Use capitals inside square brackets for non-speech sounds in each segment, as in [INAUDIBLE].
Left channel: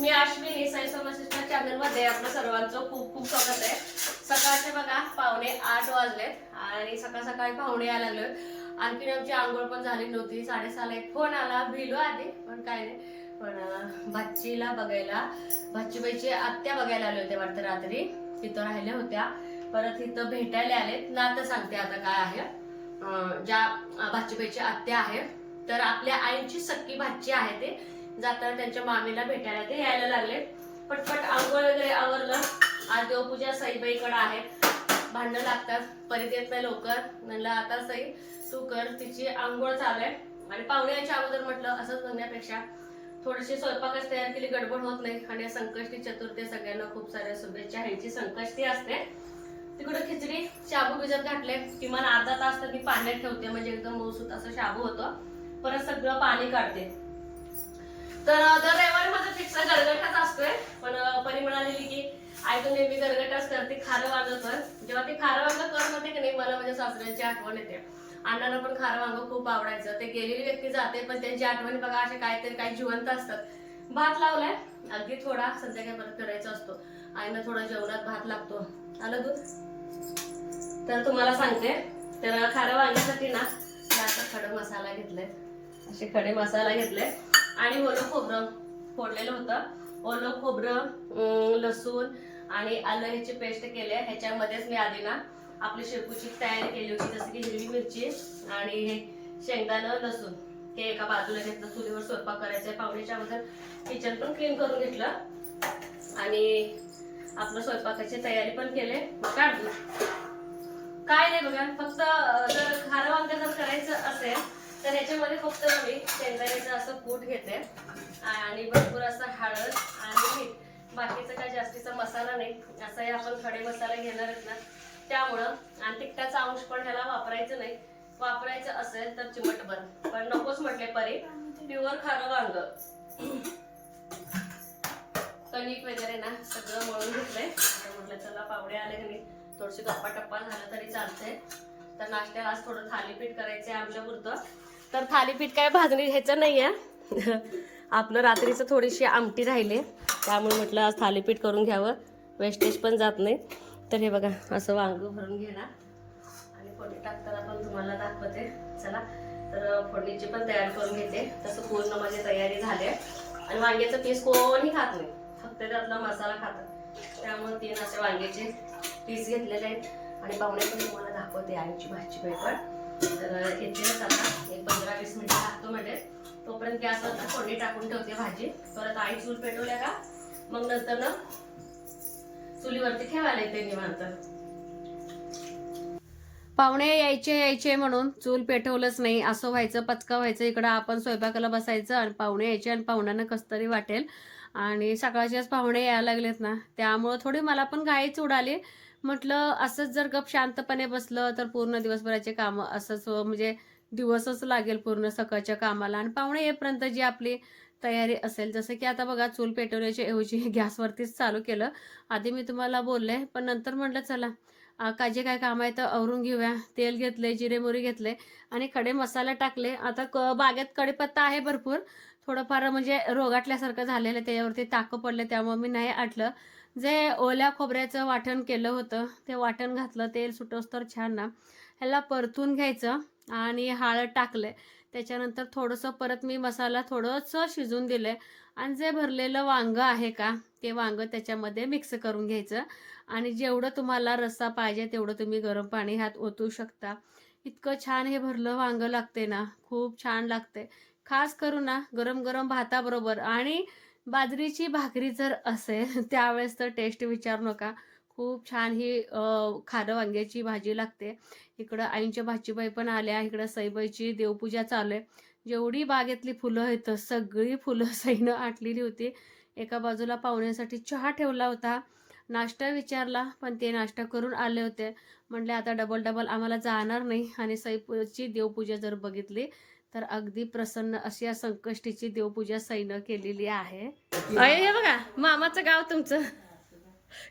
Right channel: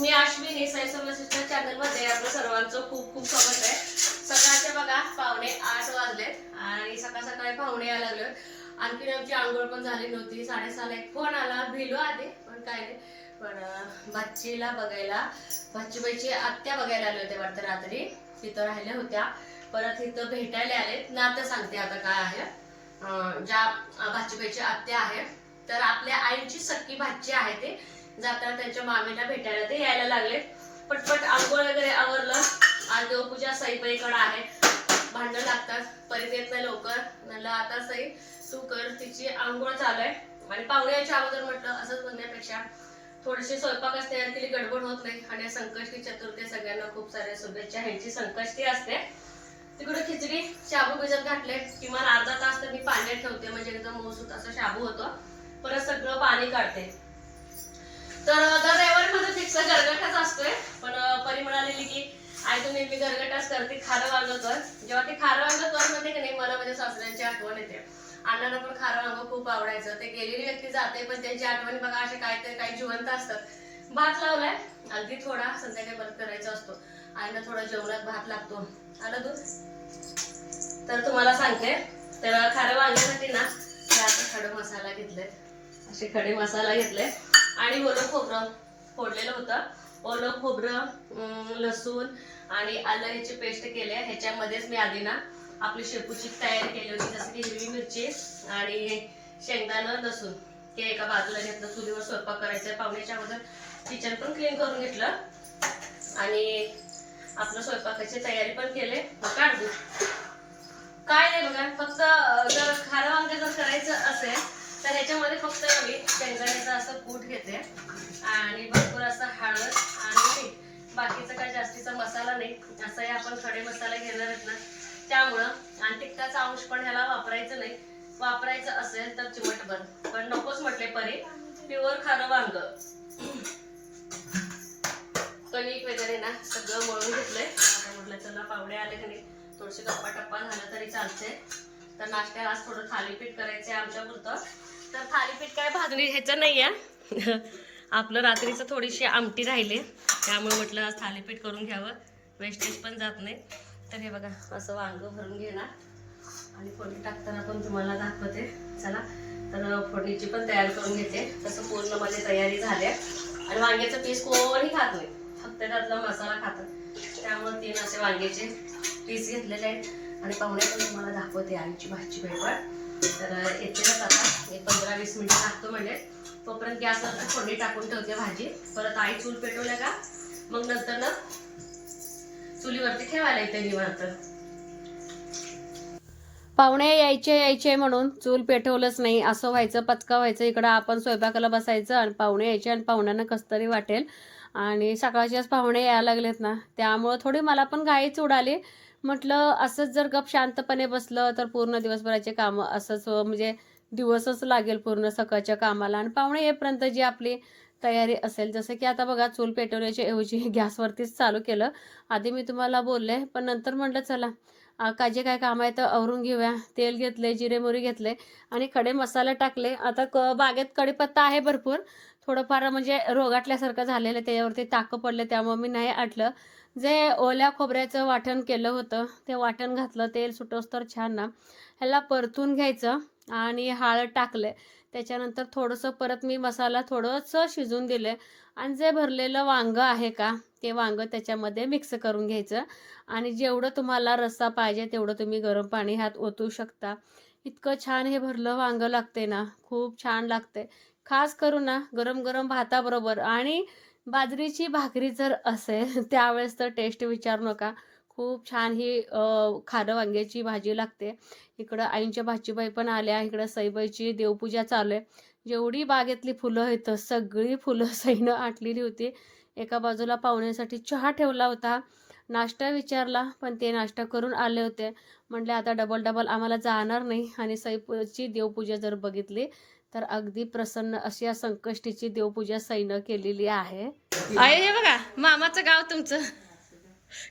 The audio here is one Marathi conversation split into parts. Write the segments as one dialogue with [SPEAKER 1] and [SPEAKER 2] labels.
[SPEAKER 1] मी अश्विनी साई समस्या मध्ये आपलं सर्वांचं खूप खूप स्वागत आहे. सकाळचे बघा पावणे आठ वाजलेत आणि सकाळ सकाळी पाहुणे यायला लागले आणखीन आमची आंघोळ पण झाली नव्हती. साडेसहाला एक फोन आला भिलो आधी पण काय नाही. पण भाचीला बघायला भाचीबाईची आत्या बघायला आले होते वाटतं रात्री. तिथं राहिल्या होत्या. परत इथं भेटायला आलेत. नातं सांगते आता काय आहे. ज्या भाचीबाईची आत्या आहे तर आपल्या आईची सक्की भाची आहे ते. जाताना त्यांच्या मामीला भेटायला. ते यायला लागले. पटपट आंघोळ वगैरे आवरलं. आज देवपूजा सईबाईकडे आहे. भांडणं लागतात. परत येत नाही लवकर. म्हणलं आता सई तू कर. तिची आंघोळ चालू आहे. आणि पाहुणे यायच्या अगोदर म्हटलं असंच म्हणण्यापेक्षा थोडीशी स्वयंपाकच तयार केली गडबड होत नाही. आणि या संकष्टी चतुर्थी सगळ्यांना खूप साऱ्या शुभेच्छा. ह्यांची संकष्टी असते. तिकडे खिचडी शाबू भिजत घातले. किमान अर्धा तास तर मी पाण्यात ठेवते. म्हणजे एकदम मऊसूत असं शाबू होतं. परत सगळं पाणी काढते. तर दर रविवारी माझा फिक्स गरगटाच असतोय. पण परी म्हणालेली की आई तू नेहमी गरगटाच करते खारं वांग कर. जेव्हा ते खारं वांग कर म्हणते की नाही मला माझ्या सासऱ्यांची आठवण येते. अण्णांना पण खारं वांग खूप आवडायचं. ते गेलेली व्यक्ती जाते पण त्यांची आठवणी बघा असे काहीतरी काही जिवंत असतात. भात लावलाय. अगदी थोडा संध्याकाळी परत करायचा असतो. आईना थोडा जेवणात भात लागतो. आलं दूध? तर तुम्हाला सांगते. तर खारं वांगण्यासाठी ना हे आता खडे मसाला घेतले असे खडे मसाला घेतले आणि ओलं खोबरं फोडलेलं होतं. ओलं खोबरं लसूण आणि आलं ह्याची पेस्ट केली. आहे ह्याच्यामध्येच मी आधी ना आपली शेपूची तयारी केली होती जसं की हिरवी मिरची आणि हे शेंगदाणं लसूण ते एका बाजूला घेतलं. चुलीवर स्वयंपाक करायचं. पाहुण्याच्या अगोदर किचन पण क्लीन करून घेतलं. आणि आपलं स्वयंपाकाची तयारी पण केले. काढली. काय नाही बघा फक्त जर खारं वांग जर करायचं असेल तर ह्याच्यामध्ये फक्त मी शेंगदाण्याचा असं कूट घेते आणि भरपूर असं हळद आणि मीठ. बाकीचं काय जास्तीचा मसाला नाही. असं हे आपण खडे मसाला घेणार आहेत ना त्यामुळं आणि तिखटाचा अंश पण ह्याला वापरायचं नाही. वापरायचं असेल तर चिमटभर पण नकोच म्हटले परे प्युअर खारं वांग. कणिक वगैरे ना सगळं मळून घेतलंय. आता म्हटलं चला पावडे आले की नाही थोडीशी गप्पा टप्पा झालं तरी चालतंय. तर नाश्त्याला आज थोडं थालीपीठ करायचंय आमच्या पुरतं तर थालीपीठ काय भाजणी घ्यायचं नाही आहे [LAUGHS] आपलं रात्रीचं थोडीशी आमटी राहिले. त्यामुळे म्हटलं आज थालीपीठ करून घ्यावं. वेस्टेज पण जात नाही. तर हे बघा असं वांग भरून घेणार. आणि फोडणी टाकताना पण तुम्हाला दाखवते. चला तर फोडणीची पण तयारी करून घेते. तसं पूर्ण माझी तयारी झाली आहे. आणि वांग्याचं पीस कोणी खात नाही. फक्त त्यातला मसाला खातात. त्यामुळे तीन असे वांग्याचे पीस घेतलेले आहेत. आणि पाहुणे पण तुम्हाला दाखवते आईची भाजी पण. तर येतीलच आता. एक पंधरा वीस मिनिटं टाकतो म्हणजे. तोपर्यंत गॅसवर फोडणी टाकून ठेवते भाजी. परत आई चूल पेटवल्या का? मग नंतर ना चुलीवरती ठेवायला येते निवांत. पाहुणे यायचे यायचे म्हणून चूल पेटवलंच नाही. असं व्हायचं पचका व्हायचं इकडं आपण स्वयंपाकाला बसायचं आणि पाहुणे यायचे आणि पाहुण्यांना कसं तरी वाटेल. आणि सकाळच्याच पाहुणे यायला लागलेत ना. त्यामुळं थोडी मला पण घाईच उडाली म्हटलं असंच जर गप शांतपणे बसलं तर पूर्ण दिवसभराचे कामं असंच म्हणजे दिवसच लागेल पूर्ण सकाळच्या कामाला. आणि पाहुणे येईपर्यंत जी आपली तयारी असेल जसं की आता बघा चूल पेटवण्याच्या ऐवजी [LAUGHS] गॅसवरतीच चालू केलं. आधी मी तुम्हाला बोलले पण नंतर म्हटलं चला काय जे काय काम आहे तर आवरून घेऊया. तेल घेतले जिरे मोरी घेतले आणि खडे मसाले टाकले. आता क बागेत कडीपत्ता आहे भरपूर. थोडंफार म्हणजे रोगाटल्यासारखं झालेलं त्याच्यावरती ताकं पडले त्यामुळे मी नाही आटलं. जे ओल्या खोबऱ्याचं वाटण केलं होतं ते वाटण घातलं तेल सुटोस तर छान ना. ह्याला परतून घ्यायचं आणि हळद टाकले त्याच्यानंतर थोडंसं परत मी मसाला थोडंसं शिजून दिले आणि जे भरलेलं वांगं आहे का ते वांगं त्याच्यामध्ये मिक्स करून घ्यायचं. आणि जेवढं तुम्हाला रस्सा पाहिजे तेवढं तुम्ही गरम पाणी ह्यात ओतू शकता. इतकं छान हे भरलं वांगं लागते ना खूप छान लागते खास करून ना गरम गरम भाताबरोबर. आणि बाजरीची भाकरी जर असेल [LAUGHS] त्यावेळेस तर टेस्ट विचारू नका. खूप छान ही खारं वांग्याची भाजी लागते. इकडं आईंच्या भाजीबाई पण आल्या इकडं सईबाईची देवपूजा चालू आहे. जेवढी बागेतली फुलं आहेत सगळी फुलं [LAUGHS] सईनं आटलेली होती. एका बाजूला पाहुण्यासाठी चहा ठेवला होता. नाश्ता विचारला पण ते नाश्ता करून आले होते. म्हटले आता डबल डबल आम्हाला जाणार नाही. आणि सईची देवपूजा जर बघितली तर अगदी प्रसन्न अशी या संकष्टीची देवपूजा सईनं केलेली आहे. अरे हे बघा मामाचं गाव तुमचं.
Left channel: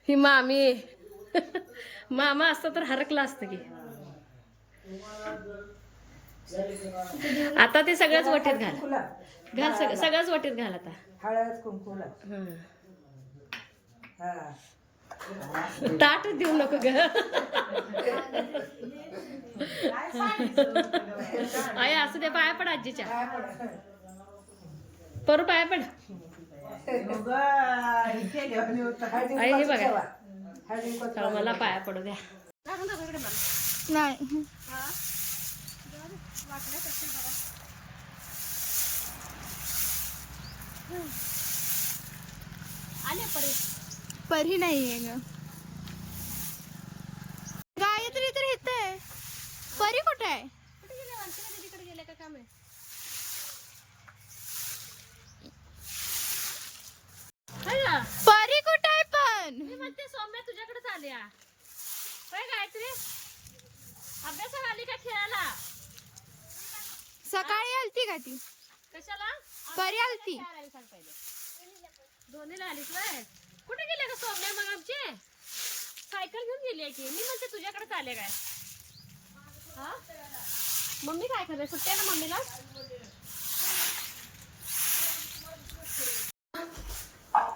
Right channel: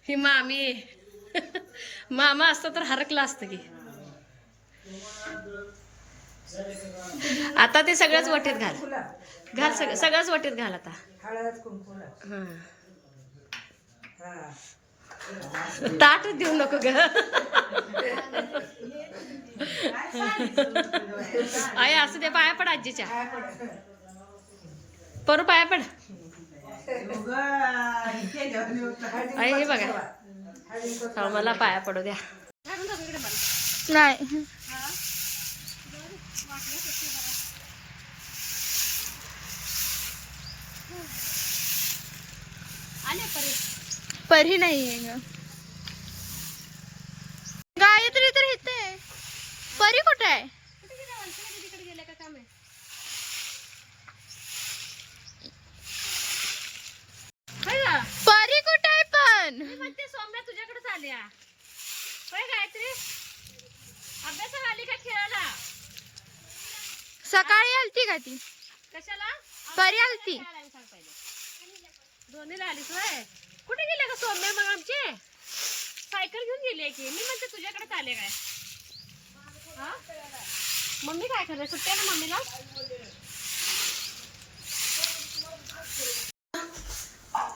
[SPEAKER 1] ही मामी मामा असतं तर हरकलं असतं की. आता ते सगळंच वटीत घाल. घाल सगळं सगळंच वटीत घाल आता.
[SPEAKER 2] हळद.
[SPEAKER 1] हा. ताट देऊ नको ग. आई असू दे पाया पड आजीच्या. परू पाया पड. आई, हे बघा. मला पाया पडू द्या.
[SPEAKER 3] नाही
[SPEAKER 1] आले परे
[SPEAKER 3] परी नाही आहे ग। गायत्री तर इथे आहे परी कुठे आहे
[SPEAKER 1] तिकडे का काम आहे?
[SPEAKER 3] परी कुठे आहे पण
[SPEAKER 1] म्हणते सौम्या तुझ्याकडेच आल्या होय गायत्री? अभ्यासाला आली का खेळायला
[SPEAKER 3] सकाळी आलती का ती?
[SPEAKER 1] कशाला?
[SPEAKER 3] परी आलती.
[SPEAKER 1] दोन्हीला आलीस होय? कुठे गेले का सौम्या मग आमचे सायकल घेऊन गेली आहे की? मी म्हणते तुझ्याकडेच आले काय? हा? मम्मी काय करते? सुट्ट्या ना मम्मीला?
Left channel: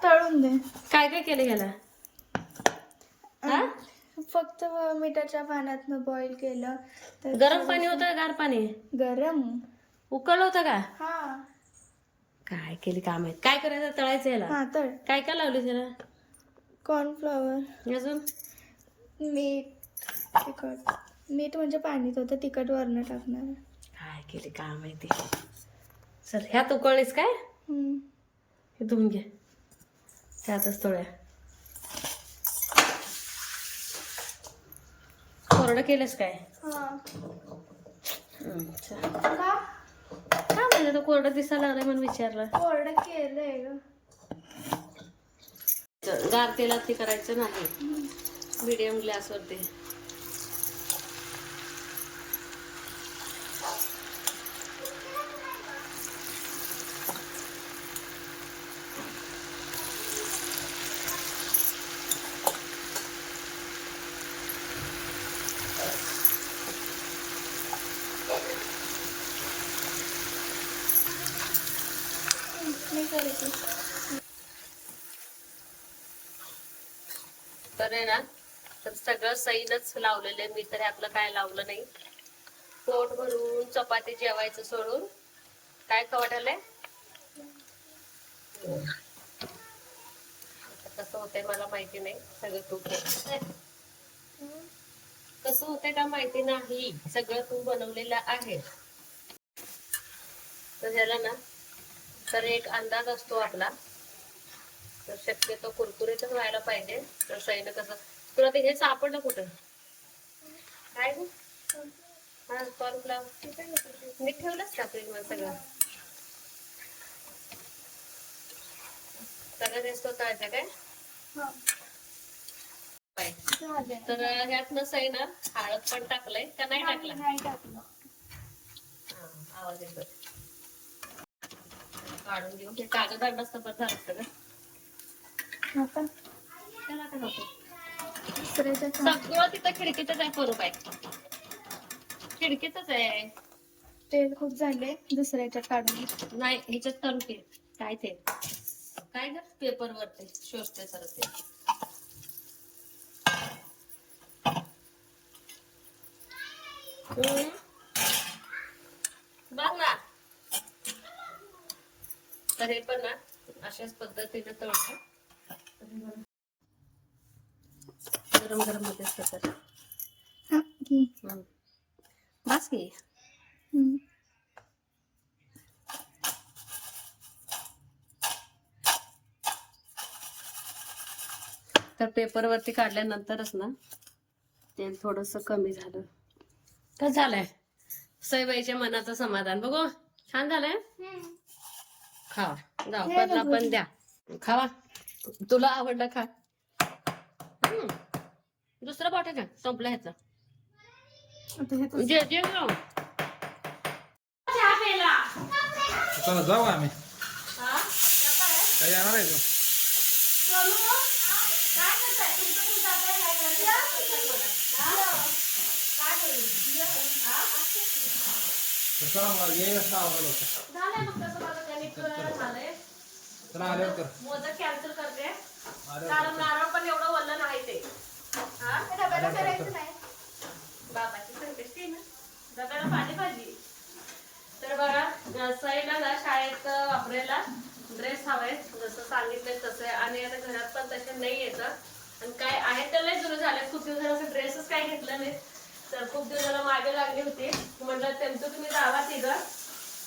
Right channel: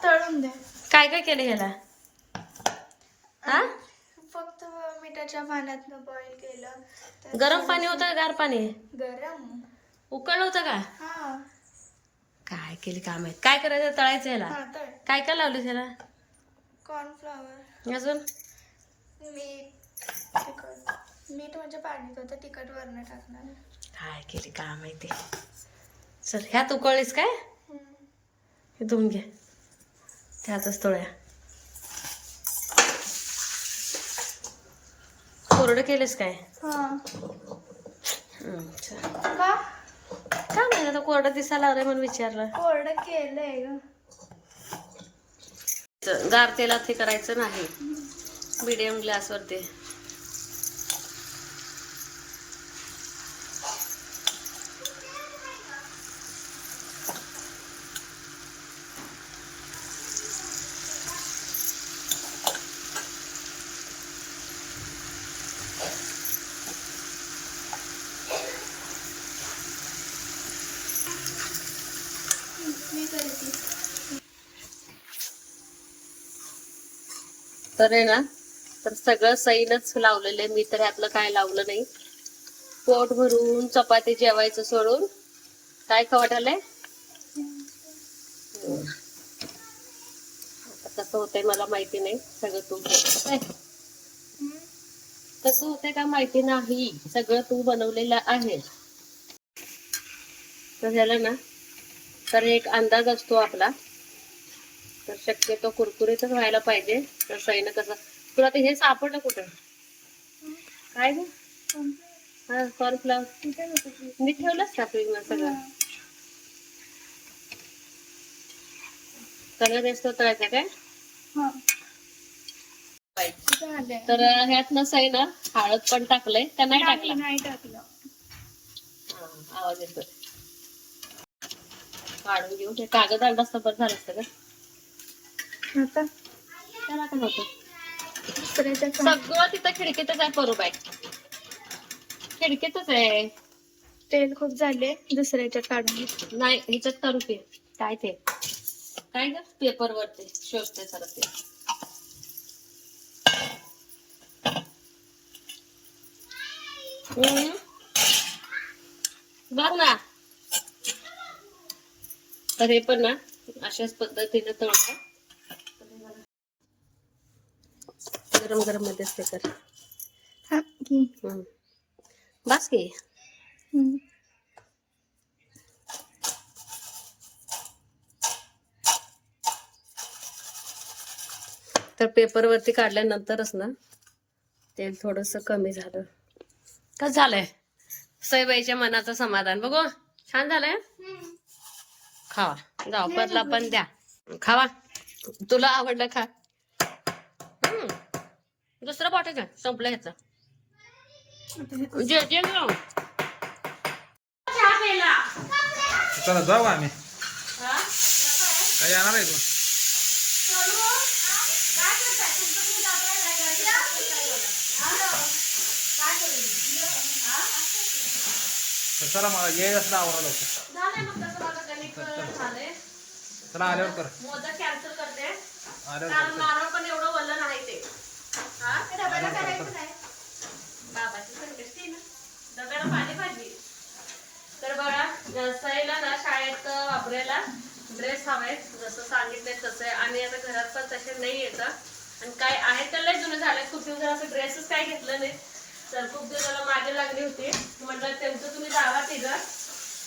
[SPEAKER 3] तळून दे.
[SPEAKER 1] काय काय केलं ह्याला? हा?
[SPEAKER 3] फक्त मिठाच्या पाण्यात बॉईल केलं.
[SPEAKER 1] गरम पाणी होतं गार पाणी?
[SPEAKER 3] गरम.
[SPEAKER 1] उकळलं होतं का?
[SPEAKER 3] हा.
[SPEAKER 1] काय केली काय माहीत काय करायचं? तळायचं ह्याला
[SPEAKER 3] हा तर
[SPEAKER 1] काय काय लावली ह्याला
[SPEAKER 3] कॉर्नफ्लॉवर.
[SPEAKER 1] अजून?
[SPEAKER 3] मीठ तिखट. मीठ म्हणजे पाणीत होतं तिखट वरण टाकणार.
[SPEAKER 1] काय केली काय माहिती चल ह्यात उकळलीस काय?
[SPEAKER 3] हम्म.
[SPEAKER 1] हे धुवून घे. त्यातच तोळ्या. कोरडं केलेस काय?
[SPEAKER 3] हा.
[SPEAKER 1] हम्म, चल.
[SPEAKER 3] का
[SPEAKER 1] काय माहिती आता कोरडं दिसायला लागलंय म्हणून विचारलं.
[SPEAKER 3] कोरडं केलंय
[SPEAKER 1] गार तेलात हे करायचं नाही. मिडियम गॅसवरती
[SPEAKER 3] मी करते
[SPEAKER 1] तर आहे ना तर सगळं सैलच लावलेलं आहे मी तर ह्यातलं काय लावलं नाही. पोट भरून चपाती जेवायचं सोडून. काय खवटालंय कसं होतंय मला माहिती नाही सगळं तू कसं होते का माहिती नाही सगळं तू बनवलेलं आहे. तर झालं ना तर एक अंदाज असतो आपला. तर शक्यतो कुरकुरीतच व्हायला पाहिजे. तर सैन कसं तुला ते हे सापडलं कुठं? काय ग? हा कॉर्नफ्लावर मी ठेवलंच का फ्रीज सगळं? सगळं जास्त काय? तर ह्यात नसं आहे ना हळद पण टाकलंय. का नाही टाकलं.
[SPEAKER 3] नाही टाकलं.
[SPEAKER 1] आवाज येतो काढून घेऊ. ते कागद आणलं असतं बरं झालं असतं का
[SPEAKER 3] आता?
[SPEAKER 1] त्याला काय होतं
[SPEAKER 3] दुसऱ्याच्या सम-
[SPEAKER 1] सगळं तिथं खिडकीतच आहे करू बाय खिडकीतच आहे.
[SPEAKER 3] तेल खूप झाले दुसऱ्याच्यात काढून घे.
[SPEAKER 1] नाही ह्याच्यात करू ते काय ते? काय ग? पेपर वरती शोषते सर ते. बघ ना. तर हे पण ना अशाच पद्धतीने तळतो. गरम गरम मध्येच ते कर
[SPEAKER 3] हा, घे.
[SPEAKER 1] हम्म. बस की. तर पेपरवरती काढल्यानंतरच ना तेल थोडस कमी झालं. कसं झालंय? सईबाईच्या मनाचं समाधान. बघू छान झालंय? खावा. जाऊ परला पण द्या. खावा. तुला आवडलं खा. हम्म. दुसरं बॉटल का संपलं ह्याचं. जे जे घेऊ. चहा प्यायला.
[SPEAKER 4] चला जाऊ आम्ही.
[SPEAKER 1] हा?
[SPEAKER 4] काय येणार आहे चला मला ये असं आवरा लवकर
[SPEAKER 1] झालंय
[SPEAKER 4] चला आल्यावर कर.
[SPEAKER 1] मोदक कॅन्सल करते.
[SPEAKER 4] आल्यावर
[SPEAKER 1] कारण नारळ पण एवढं वल्ल नाही ते. हा?
[SPEAKER 3] ते डब्याला करायचं नाही.
[SPEAKER 1] बाबाची संकष्टी आहे ना. डब्याला पाणी पाहिजे. तर बघा सईला ना शाळेत वापरायला ड्रेस हवाय जसं सांगितलंय तसं आहे. आणि आता घरात पण तसे नाही येत आणि काय आहेत तर लय जुने झाले खूप दिवस ड्रेसच काय घेतलं नाही तर खूप दिवसाला मागे लागली होती. म्हटलं त्यांचं तुम्ही दावा ते घर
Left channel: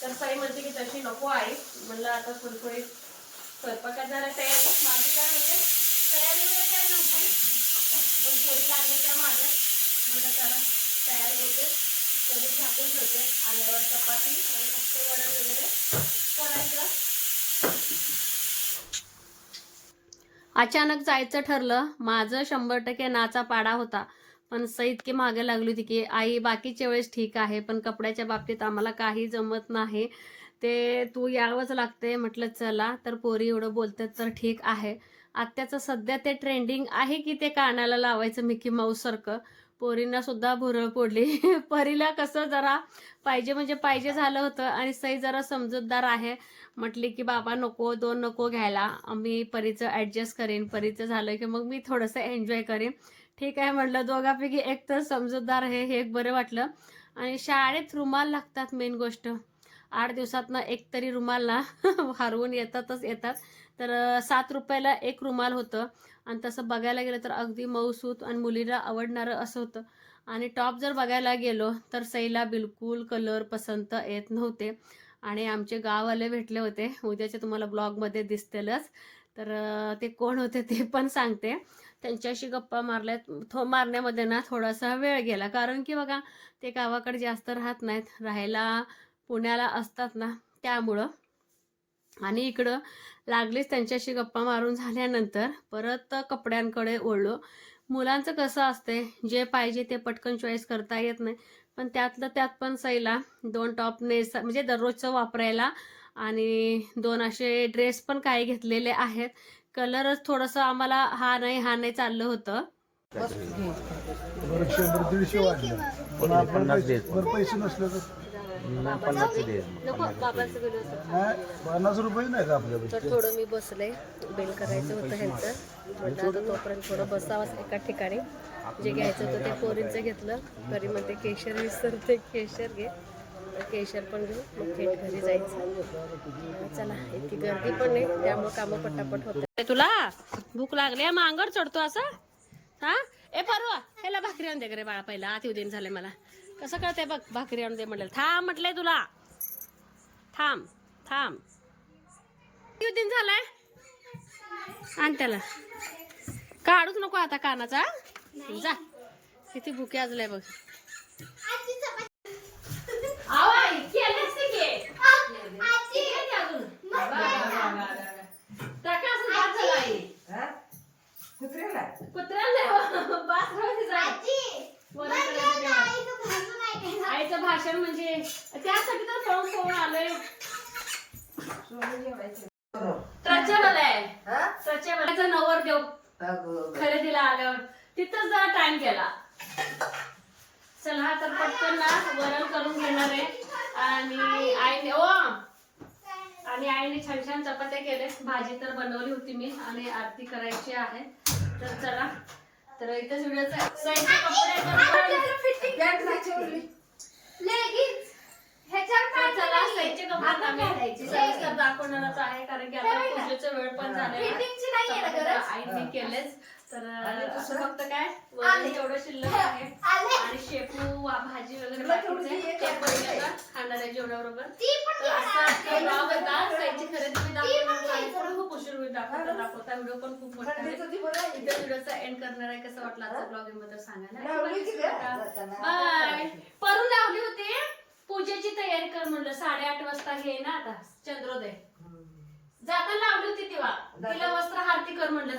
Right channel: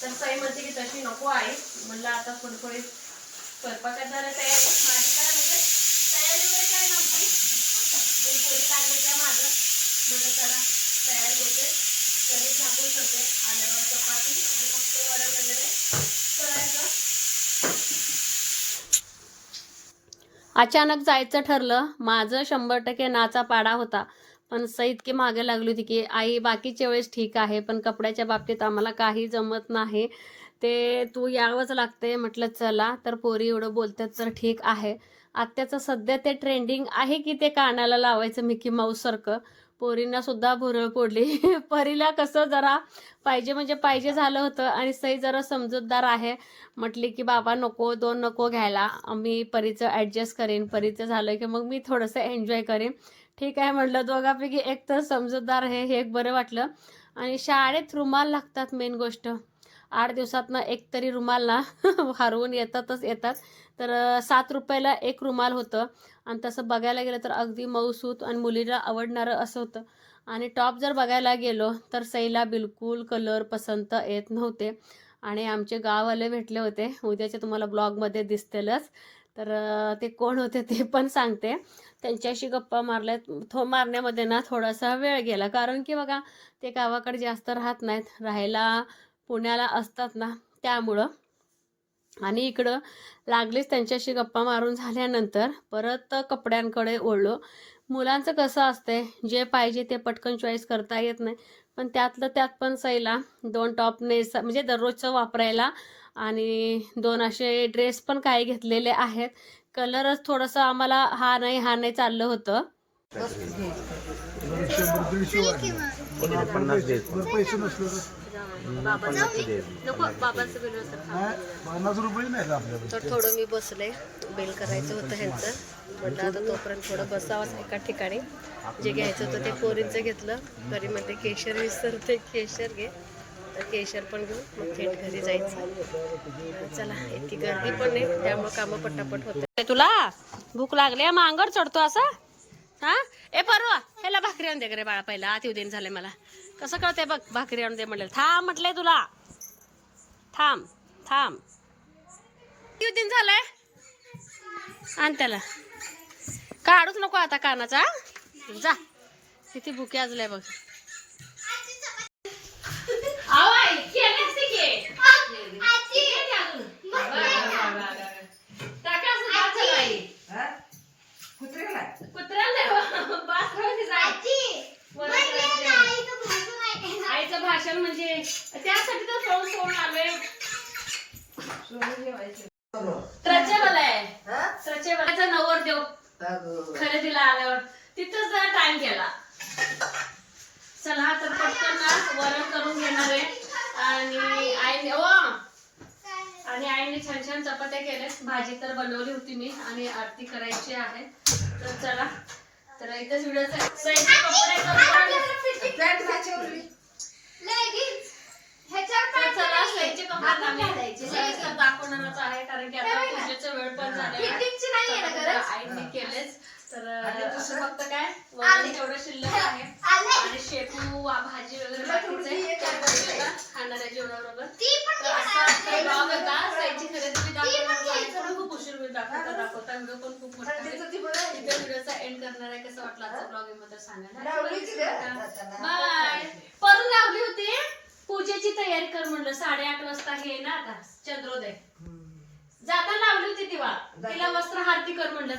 [SPEAKER 1] तर सई म्हणते की तशी नको आहे म्हणलं आता थोडी थोडी स्वयंपाकात झाल्या तयारी माझी काय म्हणजे तयारी वगैरे काय नव्हती. पण थोडी लागली त्या माझं म्हणजे त्याला तयारी होते. कधी झाकून ठेवते. आल्यावर चपाती आणि फक्त वडा वगैरे करायचं. अचानक जायचं ठरलं. माझं शंभर टक्के नाचा पाडा होता. पण सई इतकी मागे लागली होती की आई बाकीच्या वेळेस ठीक आहे पण कपड्याच्या बाबतीत आम्हाला काही जमत नाही. ते तू यावंच लागते म्हटलं चला तर पोरी एवढं बोलतात तर ठीक आहे. आत्याचं सध्या ते ट्रेंडिंग आहे की ते कानाला लावायचं मिकी माऊस सारखं? पोरींना सुद्धा भुरळ पडली. [LAUGHS] परीला कसं जरा पाहिजे म्हणजे पाहिजे झालं होतं आणि सई जरा समजूतदार आहे. म्हटली की बाबा नको दोन नको घ्यायला. मी परीचं ॲडजस्ट करेन. परीचं झालं की मग मी थोडंसं एन्जॉय करेन. ठीक आहे म्हटलं दोघापैकी एक तर समजूतदार आहे हे एक बरं वाटलं. आणि शाळेत रुमाल लागतात मेन गोष्ट. आठ दिवसातनं एक तरी रुमाल ना [LAUGHS] हरवून येतातच येतात. तर सात रुपयाला एक रुमाल होतं. आणि तसं बघायला गेलं तर अगदी मऊसूत आणि मुलीला आवडणारं असं होतं. आणि टॉप जर बघायला गेलो तर सईला बिलकुल कलर पसंत येत नव्हते. आणि आमचे गाववाले भेटले होते. उद्याच्या तुम्हाला ब्लॉगमध्ये दिसतीलच. तर ते कोण होते ते पण सांगते. त्यांच्याशी गप्पा मारल्यात. थो मारण्यामध्ये ना थोडासा वेळ गेला. कारण की बघा ते गावाकडे जास्त राहत नाहीत. राहायला पुण्याला असतात ना त्यामुळं. आणि इकडं लागलीच त्यांच्याशी गप्पा मारून झाल्यानंतर परत कपड्यांकडे ओढलो मुलांचं कसं असते जे पाहिजे ते पटकन चॉईस करता येत नाही. पण त्यातलं त्यात पण सैला दोन टॉप नेस म्हणजे दररोजचं वापरायला आणि दोन असे ड्रेस पण काही घेतलेले आहेत. कलरच थोडंसं आम्हाला हा नाही हा नाही चाललं होतं.
[SPEAKER 5] पन्नास रुपये नाही का
[SPEAKER 1] तर थोडं मी बसले बिल करायचं होतं ह्यांचं. म्हटलं आता तोपर्यंत थोडं बसावंच एका ठिकाणी. जे घ्यायचं होतं ते पोरींचं घेतलं. तरी म्हणते केशर विसरते केशर घे. तर केशर पण घेऊ मग थेट घरी जायचं. चला इतकी गर्दी पण नाही त्यामुळे कामं पटापट होत तुला? भूक लागली मग चढतो असं? हा? ए परवा ह्याला भाकरी आणून दे रे बाळा पहिला आत येऊ झालंय मला. कसं कळतंय बघ भाकरी आणून दे म्हटलं थांब म्हटलंय तुला. थांब थांब. येऊ दिन झालंय? आण त्याला. काढूच नको आता कानाचा जा. किती भुके आजलाय बघ. आओ आई, केली असती की. किती अजून? टाका असं बाद झालं आई.
[SPEAKER 2] हा? कुत्र्याला
[SPEAKER 1] कुत्र्याला नाही हो. बास राहू दे जा. वरण करायचं तेवढं. आईचं भाषण म्हणजे त्यासाठी तर पळून पळून आलोय स्ट्रेचेबल आहे
[SPEAKER 2] हा?
[SPEAKER 1] स्ट्रेचेबल नवर देव
[SPEAKER 2] अगं.
[SPEAKER 1] खरेदीला आल्यावर तिथंच जरा टाइम गेला चला तर पटकन ना वरण करून घेणार आहे. आणि आईने ओ! आणि आईने छान छान चपात्या केल्या. भाजी तर बनवली होती मी आणि आरती करायची आहे. तर चला. तर इथंच सविस्तर दाखवणारच आहे कारण की आता पूजेचा वेळ पण झालेला आईने केलेच. तर असं फक्त काय? वरण तेवढं शिल्लक [LAUGHS] आहे. आणि शेपू भाजी वगैरे बाकीचं आहे. खाणाऱ्या जेवणाबरोबर. तर असा आजचा vlog होता. साईची खरेदी मी दाखवणार आहे. थोडं खूप उशीर होईल दाखवता दाखवता. व्हिडिओ पण खूप मोठा आहे. इथे व्हिडिओचा एंड करणार आहे कसं वाटलं आजचा ब्लॉगबद्दल
[SPEAKER 2] लावलीच गं
[SPEAKER 1] सांगायला
[SPEAKER 2] जाताना.
[SPEAKER 1] बाय परून लावली होती. पूजेची तयारी कर म्हणलं. साडेआठ वाजता हे ना आता चंद्रोदय. जाताना लावली होती तिला तिला वस्त्र हारती कर म्हणलं